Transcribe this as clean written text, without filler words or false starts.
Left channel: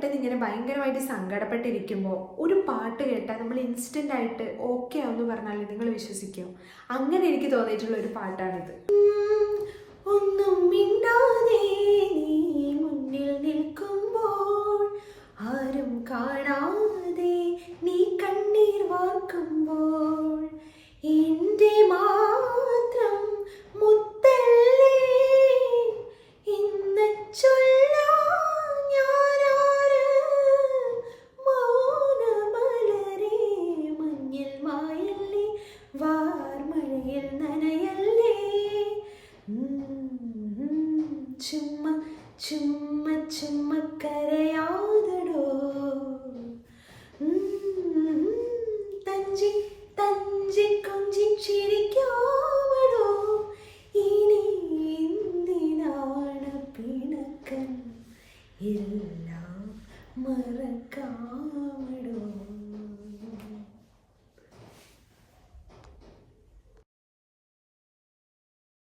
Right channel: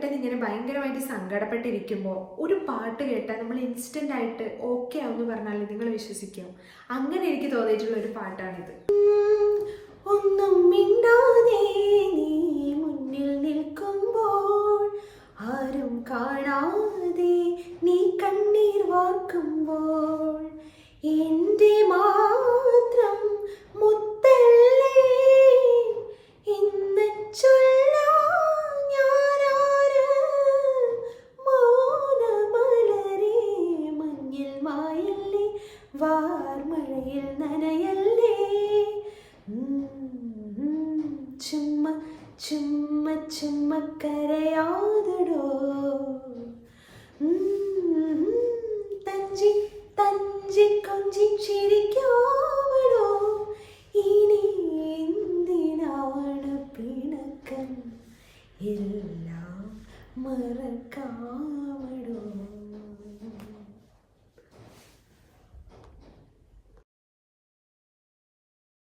പെട്ടെന്ന് ഇങ്ങനെ ഭയങ്കരമായിട്ട് സങ്കടപ്പെട്ടിരിക്കുമ്പോൾ ഒരു പാട്ട് കേട്ടാൽ നമ്മൾ ഇൻസ്റ്റൻ്റ് ആയിട്ട് ഓക്കെ ആവുമെന്ന് പറഞ്ഞാൽ നിങ്ങൾ വിശ്വസിക്കുമോ? അങ്ങനെ എനിക്ക് തോന്നിയിട്ടുള്ള ഒരു പാട്ടാണിത്. ഒന്നും മിണ്ടാതെ നീ മുന്നിൽ നിൽക്കുമ്പോൾ, ആരും കാണാതെ നീ കണ്ണീർ വാർക്കുമ്പോൾ, എൻ്റെ മാത്രം മുത്തല്ലേ എന്ന് ചൊല്ലാൻ ഞാനാര്, മൗനമലരേ മഞ്ഞിൽ മായല്ലേ വാർമഴയിൽ നനയല്ലേ, ചുമ്മാ ചുമ്മാ ചുമ്മാ കരയാതടോ, തഞ്ചി തഞ്ചി കൊഞ്ചി ചിരിക്കാമടോ, ഇനി എന്തിനാണ് പിണക്കം, എല്ലാം മറക്കാമടോ.